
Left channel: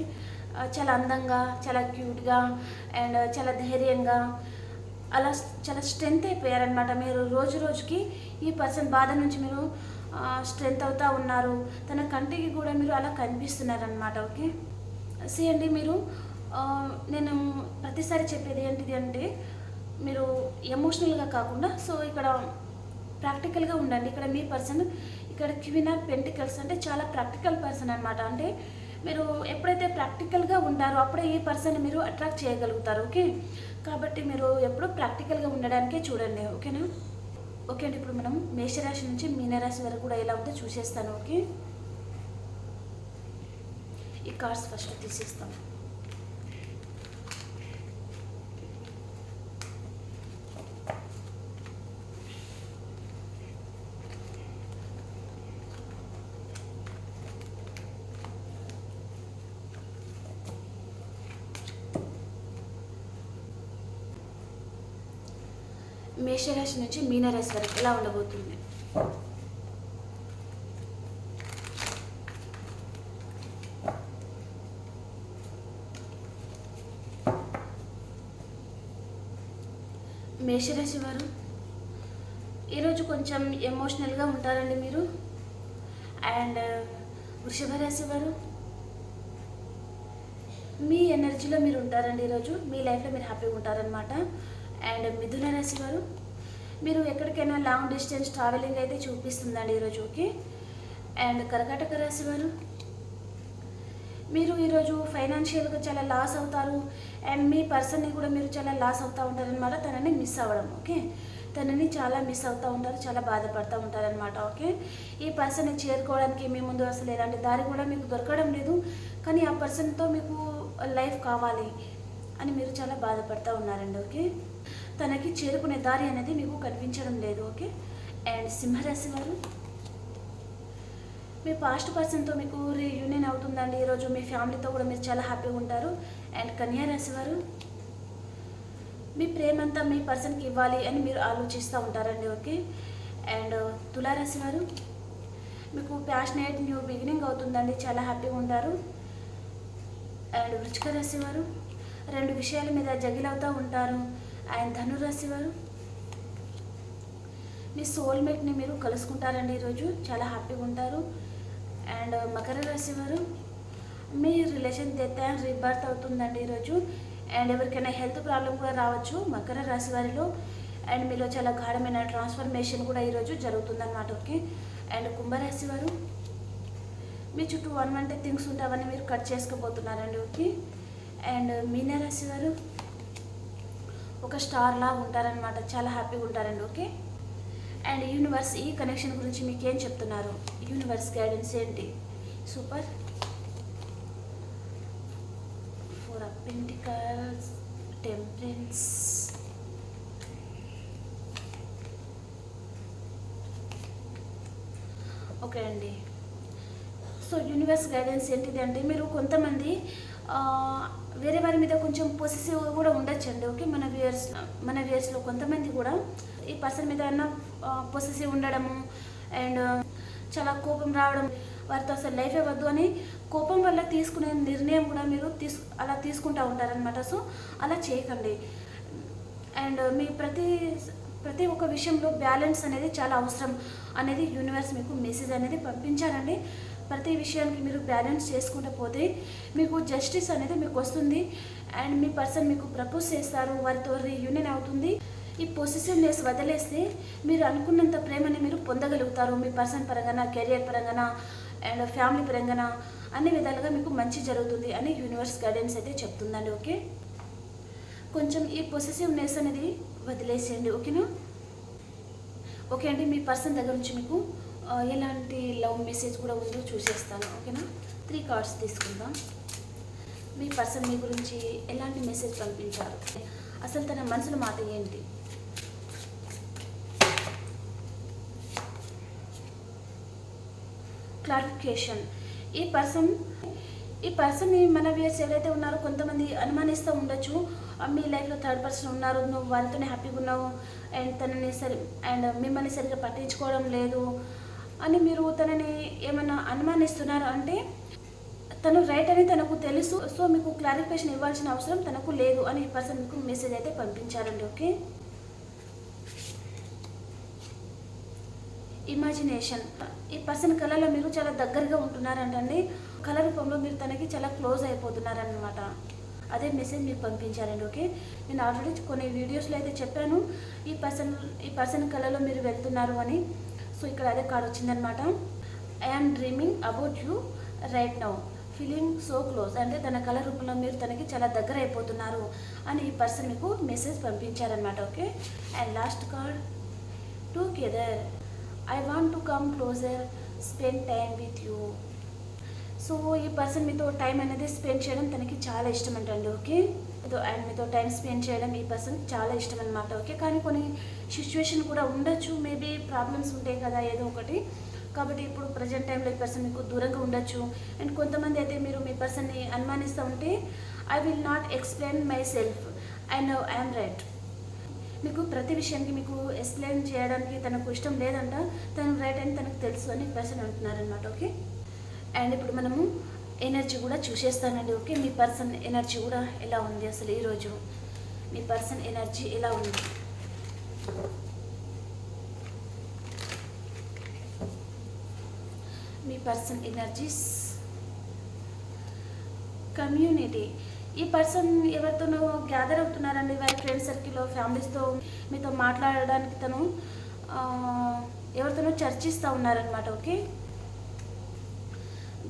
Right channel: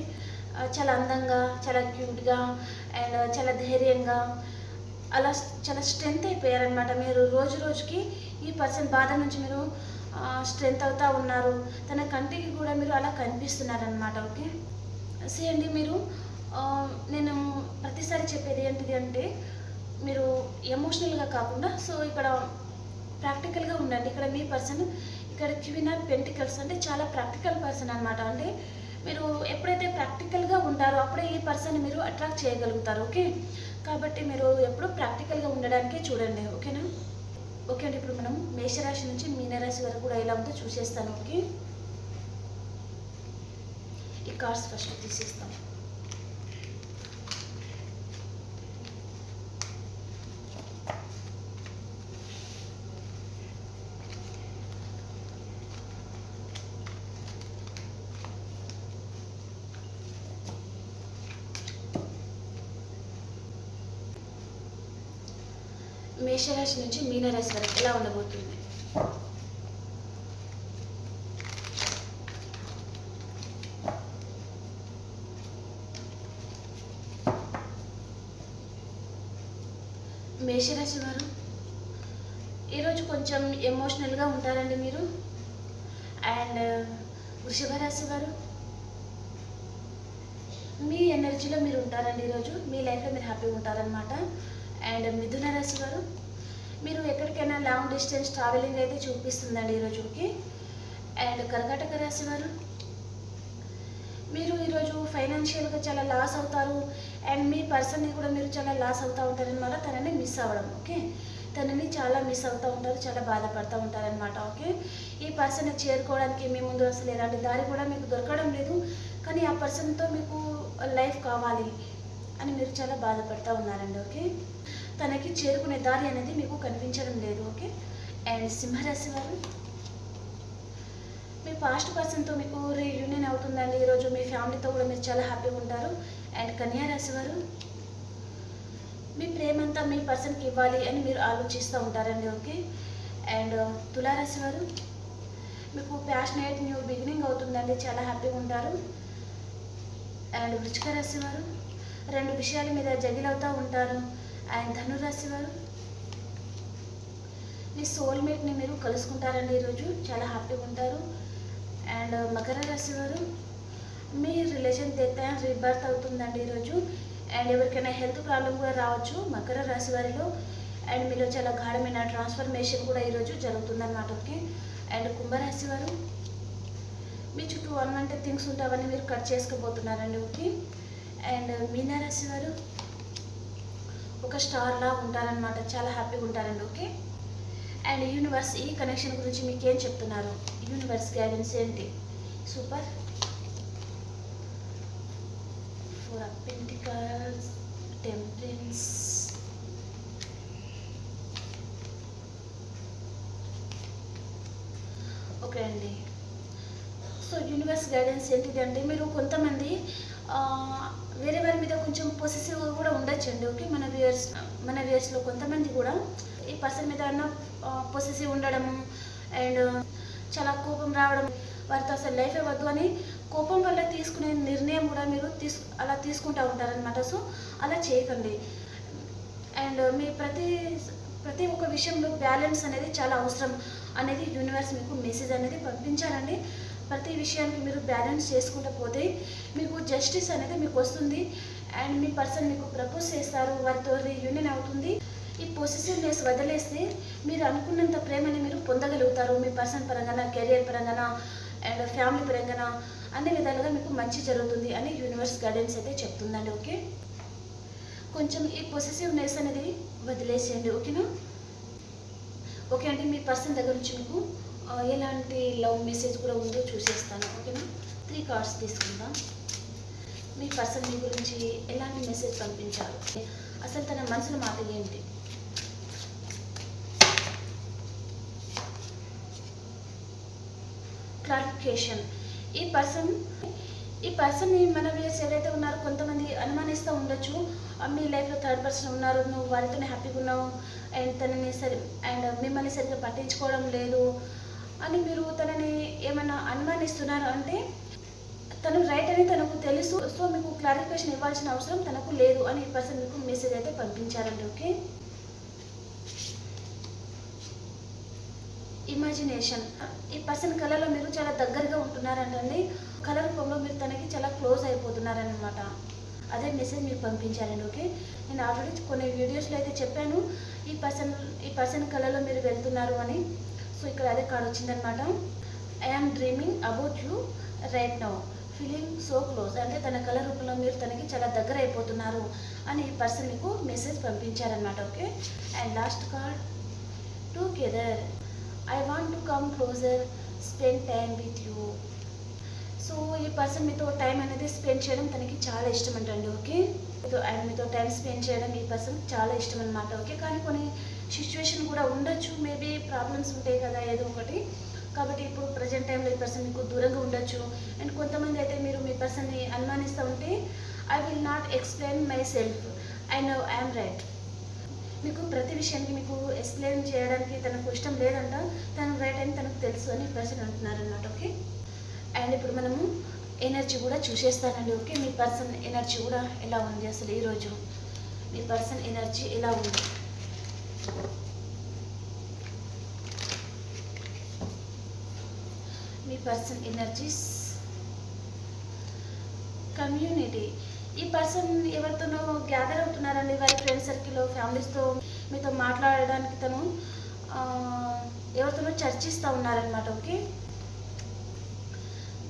చాలా అందంగా చాలా క్యూట్గా అండ్ చాలా ధైర్యంగా అలా చాలా స్ట్రెంత్ అయిపోయారనమాట మీరు రోజు రోజుకి ఈ పర్సన్ బాధ నుంచి మీరు స్ట్రెంత్ అవుతూ ఉన్నారు. తన కంటికి కూడా మీరు అలా కనిపిస్తున్నారనమాట ఓకే? సి అండి మీరు నేను ప్రతిసారి చెప్పేది ఏంటిది అంటే మీరు ఎమోషనల్గా కాకుండా సో ఇక్కడ ప్రాక్టికల్గా ఉండండి. ఇక్కడ మీ పర్సన్ ఇక్కడ క్వీన్ ఆఫ్ పెంటికల్స్ అంటే చాలా ప్రాక్టికల్ పర్సన్ అనమాట అంటే మీరు ఎప్పుడైతే ప్రాక్టికల్గా ఉంటారో అప్పుడే ఈ పర్సన్ మీరు అట్రాక్ట్ చేయగలుగుతారు ఓకే? కాబట్టి మీరు ఎప్పుడు ప్రాక్టికల్గా ఉండడానికే చూడండి ఓకేనా? ఓకే అండి ఇప్పుడు మనం మేషరాశి నుంచి మీనరాశి వరకు కూడా ఎలా ఉందో చూసేస్తాను ఓకే? ఈ కార్డ్స్ ఫస్ట్ తీసేస్తాను. మేషరాశి నుంచి మీనరాశి వరకు ఎలా ఉండబోతుంది? మేషరాశి వారు ఈరోజు కొంచెం ఎమోషనల్గా ఉంటారండి మీరు. అండ్ వృషభ రాశి వారు మీ ఎనర్జీలో మీరు ఉంటారండి ఈరోజు. మీ లైఫ్లో మీరు హ్యాపీగా ఉంటారనమాట అండ్ మిథున రాశి వారు మీరు ఎక్కడికైనా లాంగ్ డిస్టెన్స్ ట్రావెలింగ్ అయితే చూపిస్తుందండి ఈరోజు ఓకే అండ్ కర్కాటక రాశి వారు మీరు ఈరోజు ఫైనాన్షియల్గా చాలా లాస్ అవుతారు. అండ్ మీ పర్సన్ని కూడా మీరు చాలా లాస్ అవుతూ ఉంటారనమాట తనని మిస్ అవ్వడం ఓకే? తనని చాలా మిస్ అవుతూ ఉంటారు చాలా బాధపడుతూ ఉంటారనమాట ఓకే? ఈ పర్సన్ని చేరుకోవడానికి మీ ముందు అసలు ఎలాంటి దారి కూడా మీకు దొరకడం లేదు. కానీ ఆ పర్సన్తో మీకు లైఫ్ కావాలి అని మీరు చాలా బాధపడుతూ ఉన్నారండి ఓకే? తనకి చేరుకునే దారి అనేది మీకు కనిపించడం లేదు ఓకే? అండ్ సింహరాశి వారు మీ పాస్ట్ పర్సన్తో మీకు రీయూనియన్ అవుతుందండి. ఈరోజు మీ ఫ్యామిలీతో కూడా మీరు చాలా హ్యాపీగా ఉంటారు. అండ్ కన్యారాశి వారు మీ ప్రేమంతా మీ పర్సన్కి ఇవ్వాలి అని మీరు ఆలోచిస్తూ ఉంటారండి ఓకే? అండ్ తులారాశి వారు మీకు ప్యాషనేట్ న్యూ బిగినింగ్ అవుతుందండి. చాలా హ్యాపీగా ఉంటారు. అండ్ వృచ్చిక రాశి వారు రెండు విషయాల మీద జగిలవుతూ ఉంటారు. అండ్ ధనురాశి వారు? మీ సోల్మేట్ని మీరు కలుసుకుంటారండి ఈరోజు. చాలా హ్యాపీగా ఉంటారు. అండ్ మకర రాశి వారు మీ రిలేషన్ డెత్ అండ్ రీబర్త్ అవుతుందండి ఈరోజు. అండ్ ఎవరికైనా హెల్త్ ప్రాబ్లం కూడా రావచ్చు మకర రాశి వారిలో. అండ్ మీలో చాలా గాఢమైన ట్రాన్స్ఫర్మేషన్ కూడా ఈరోజు జరుగుతుందన్నమాట ఓకే? అండ్ కుంభరాశి వారు మీ చుట్టూ వన్ వన్ థింగ్స్ ఉంటావని మీరు కట్ చేసుకోబోతున్నారండి ఓకే? అండ్ మీనరాశి వారు ఒక స్టార్ లా ఉంటారనమాట చాలా హ్యాపీగా ఉంటారండి ఓకే? అండ్ యూనివర్స్ ఈ కనెక్షన్ గురించి మీకు ఏం చెప్తున్నారు? యూనివర్స్ గైడెన్స్ ఏంటి? Super. Four of pentacles temperance okay అండి. సో యూనివర్స్ గైడెన్స్ ఏంటిది అంటే మీరు కొంతమంది వేరే వారి మీద కొంచెం పొసెసివ్ కూడా ఉండొచ్చండి ఓకే మన వ్యూయర్స్ మన వ్యూయర్స్లో కొంతమంది కూడా ఈ పర్సన్ మీద అన్న పొసెసివ్ ఉండడము అండ్ చాలా కోపం రావడం వారితో అసలు లైఫే వద్దు అని కోపం వల్ల తీసుకునే నిర్ణయం కూడా మీరు తీసు అలా తీసుకుంటూ ఉంటారనమాట సో అలా చేయకండి. అండ్ మీ ప్రతి ప్రతి ఒక్క విషయంలో బ్యాలెన్స్ అనేది చాలా అవసరం అనేది యూనివర్స్ మీకు మెసేజ్ అనేది పంపించారండి. ప్రతి విషయానికి మీరు బ్యాలెన్స్ చేసుకుంటూ పోతే మీకు జస్టిస్ అనేది మీకు వస్తుంది. అండ్ మీ పర్సన్ మీకు ప్రపోజ్ చేస్తారు వారితో రీయూనియన్ అవుతుంది. ఈ పొసిసివ్నెస్ వదిలేస్తే మీరు అనుకున్నంత ప్రేమని మీరు పొందగలుగుతారు. మీ పర్సన్ పరంగా కెరియర్ పరంగా అండ్ ఫ్యామిలీ పరంగా అన్ని విధాలుగా మీకు మంచి జరుగుతుంది అని యూనివర్స్ గైడెన్స్ అయితే చెప్తుందండి ఓకే? కొంచెం ఈ పొసిసివ్నెస్ అనేది వదిలేసేయండి ఓకేనా? ఓకే అండి మీ పర్సన్ దగ్గర నుంచి మీకు ఎలాంటి లవ్ మెసేజ్ కూడా ఉందో చూసేస్తాను ఓకేనా? త్రీ కార్డ్స్ తీసుకుందాం. మీ పర్సన్ మీ గురించి ఎలాంటి మెసేజ్ పంపించారు? అసలు తన మనసులో మాట ఏంటి? క్లారిఫికేషన్ ఈ పర్సన్ ఈ పర్సన్ని మన వ్యూయర్స్ ఎవరైతే ఉన్నారో కొంతమంది అనుమానిస్తూ ఉండొచ్చు. మీ లైఫ్లో థర్డ్ పర్సన్ ఉన్నారు నువ్వు వారితోనే హ్యాపీగా ఉన్నావు. అండ్ తనని సరి అండ్ మిమ్మల్ని సరిగ్గా పట్టించుకోవడం లేదు. అని మీరు తనని ఏమైనా అనుమానిస్తున్నారు? అంటే తను రైట్ అని తనకు తెలుసు సో మీకు క్లారిఫికేషన్ ఇవ్వాల్సిన అవసరం తనకు లేదు అని ఈ పర్సన్ మీకు మెసేజ్ అయితే పంపించారండి ఓకే? ఇమాజినేషన్ ఈ పర్సన్ కళలో మీరు చాలా దగ్గరగా ఉంటున్నారంటండి కళ రూపంలో మీరు తనకి చాలా క్లోజ్ అయిపోతున్నారనమాట అదే మెసేజ్ మీకు పంపించారండి ఓకే? నేను ఆల్రెడీ కొన్ని వీడియోస్లో అయితే చెప్పాను ఈ పర్సన్ ఈ పర్సన్ కళలో మీరు వెళ్తున్నారు అని. సో ఇక్కడ అదే కార్డ్ వచ్చిందనమాట I am dreaming about you right now feeling so close అంటే తన కళ రూపంలో మీరు తనకి చాలా దగ్గర అయిపోతున్నారు అని ఈ పర్సన్ మీకు మెసేజ్ పంపించారనమాట okay and last card together I want to come closer spend time with you so ఈ పర్సన్ మీతో టైం అనేది స్పెండ్ చేయడం తనకి చాలా ఇష్టం అంటండి ఓకే మీతో అండ్ మీతో టైం స్పెండ్ చేయడం ఈ పర్సన్ చాలా ఇష్టం అనమాట ఓకే కానీ కొన్ని సిచ్యువేషన్ కూడా ఉండొచ్చు మేబీ ప్రాబ్లమ్స్ ఉంటాయి కదా ఏదో ఒకటి. కాబట్టి ఇప్పుడు ప్రజెంట్ టైంలో ఈ పర్సన్ మీకు దూరంగా ఉండొచ్చు. అండ్ కొంతమంది అయితే మీరు మీ పర్సన్ని అనుమానిస్తూ ఉంటే I will not explain myself I know I'm right మీకు ప్రతి విషయానికి మీకు ఎక్స్ప్లెయిన్ చేయడానికి తనకు ఇష్టం లేదంట తను రైట్ అని తనకు తెలుసు అని పర్సన్ అంటున్నారనమాట ఓకే అండ్ ఇప్పుడు మనము ఎనర్జీ కూడా చూసేస్తానండి ఓకే? మీ పర్సన్ ఎనర్జీ కూడా ఎలా ఉంది అసలు ఈరోజు మీ పర్సన్ ఎనర్జీ ఎలా ఉంది? మీ పర్సన్ ఎనర్జీస్? కమ్యూనిటీ. ఈ పర్సన్ ఎవరితోనో గ్యాదర్ అవుతున్నారండి వారి ఫ్రెండ్ సర్కిల్లో ఫ్యామిలీస్తో మీతో మాట్లాడడానికి తను ఎవరితోనో చర్చిస్తూ ఉన్నారనమాట ఓకే?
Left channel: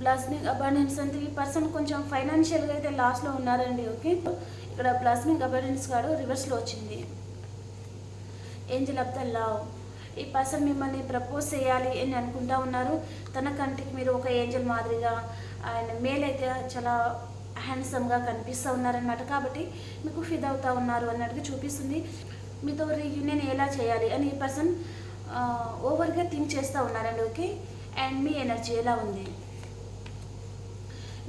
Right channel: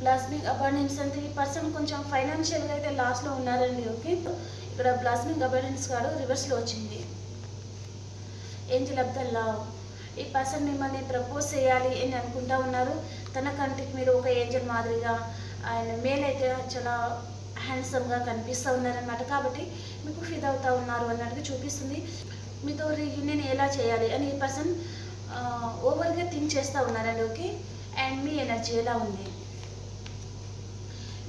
బ్లాస్మింగ్ అబాండెన్స్ అంటే ఈ పర్సన్ కొంచెం ఫైనాన్షియల్గా అయితే లాస్లో ఉన్నారండి ఓకే ఇక్కడ బ్లాస్మింగ్ అబాండెన్స్ కాడు రివర్స్లో వచ్చింది. ఏంజల్ ఆఫ్ ద లవ్ ఈ పర్సన్ మిమ్మల్ని ప్రపోజ్ చేయాలి అని అనుకుంటా ఉన్నారు. తన కంటికి మీరు ఒక ఏంజల్ మాదిరిగా ఆయన మేల్ అయితే చాలా హ్యాండ్సమ్గా కనిపిస్తూ ఉన్నారనమాట కాబట్టి మీకు ఫిదా అవుతా ఉన్నారు అన్నట్టుగా చూపిస్తుంది. మీతో రీయూనియన్ ఎలా చేయాలి అని ఈ పర్సన్ ఓవర్గా థింక్ చేస్తూ ఉన్నారండి ఓకే అండ్ మీ ఎనర్జీ ఎలా ఉంది?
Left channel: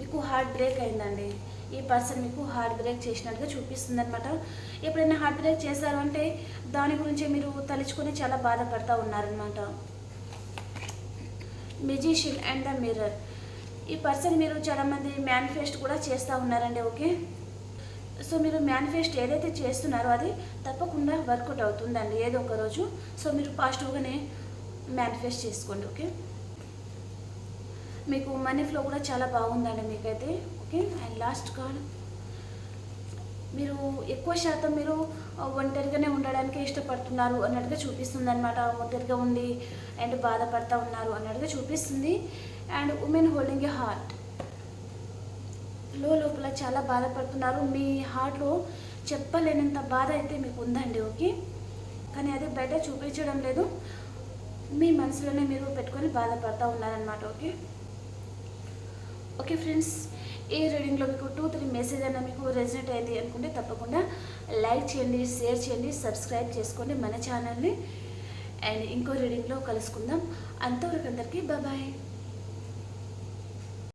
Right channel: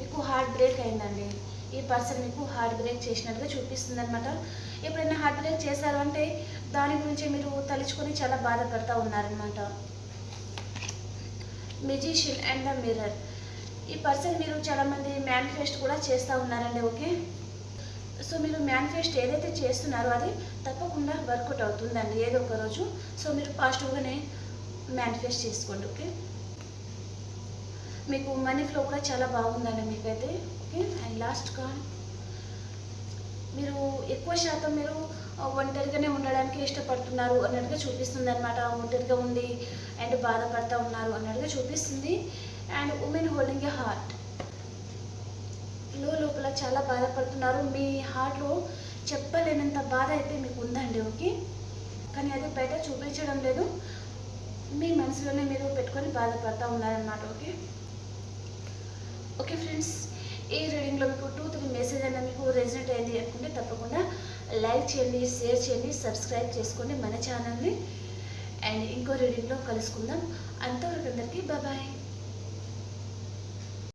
మీకు హార్ట్ బ్రేక్ అయిందండి. ఈ పర్సన్ మీకు హార్ట్ బ్రేక్ చేసినట్టుగా చూపిస్తుంది అనమాట ఎప్పుడైనా హార్ట్ బ్రేక్ చేశారు అంటే దాని గురించి మీరు తలుచుకొని చాలా బాధపడతా ఉన్నారనమాట మెజిషియన్ అండ్ ద మిర్రర్ ఈ పర్సన్ మీరు చాలామంది మేనిఫెస్ట్ కూడా చేస్తూ ఉన్నారండి ఓకే? సో మీరు మేనిఫెస్ట్ ఏదైతే చేస్తున్నారో అది తప్పకుండా వర్కౌట్ అవుతుందండి ఏదో ఒక రోజు. సో మీరు పాజిటివ్గానే మేనిఫెస్ట్ చేసుకోండి ఓకే? మీకు మనీ ఫ్లో కూడా చాలా బాగుందండి మీకైతే ఓకే అండ్ లాస్ట్ కార్డ్ మీరు ఎక్కువ శాతం మీరు ఒంటరిగానే ఉండడానికి ఇష్టపడుతున్నారు అన్నట్టుగా చూపిస్తుంది అనమాట ఒంటరిగా ఉండి అండ్ బాధపడతా ఉన్నారు అన్నట్టుగా చూపిస్తుంది. అండ్ ఉమెన్ హోల్డింగ్ ఏ హార్ట్లో లోపల చాలా బాధపడుతున్నారు. మీ హార్ట్లో చెప్పలేనంత బాధ అయితే మీకు ఉందండి ఓకే కానీ అది బయట చూపించడం లేదు. మీ మనసులోనే మీరు పెట్టుకొని బాధపడతా ఉన్నారనమాట ఓకే ఓకే ఫ్రెండ్స్ ఈ రీడింగ్లో మీకు టూ త్రీ మెసేజ్ అన్న మీకు రెజినెట్ అయింది అనుకుంటే తప్పకుండా లైక్ చేయండి షేర్ చేయండి సబ్స్క్రైబ్ చేసుకోండి మన ఛానల్ని అండ్ ఇంకో రీడింగ్లో కలుసుకుందాం. అంతవరకు అందరికీ బాయ్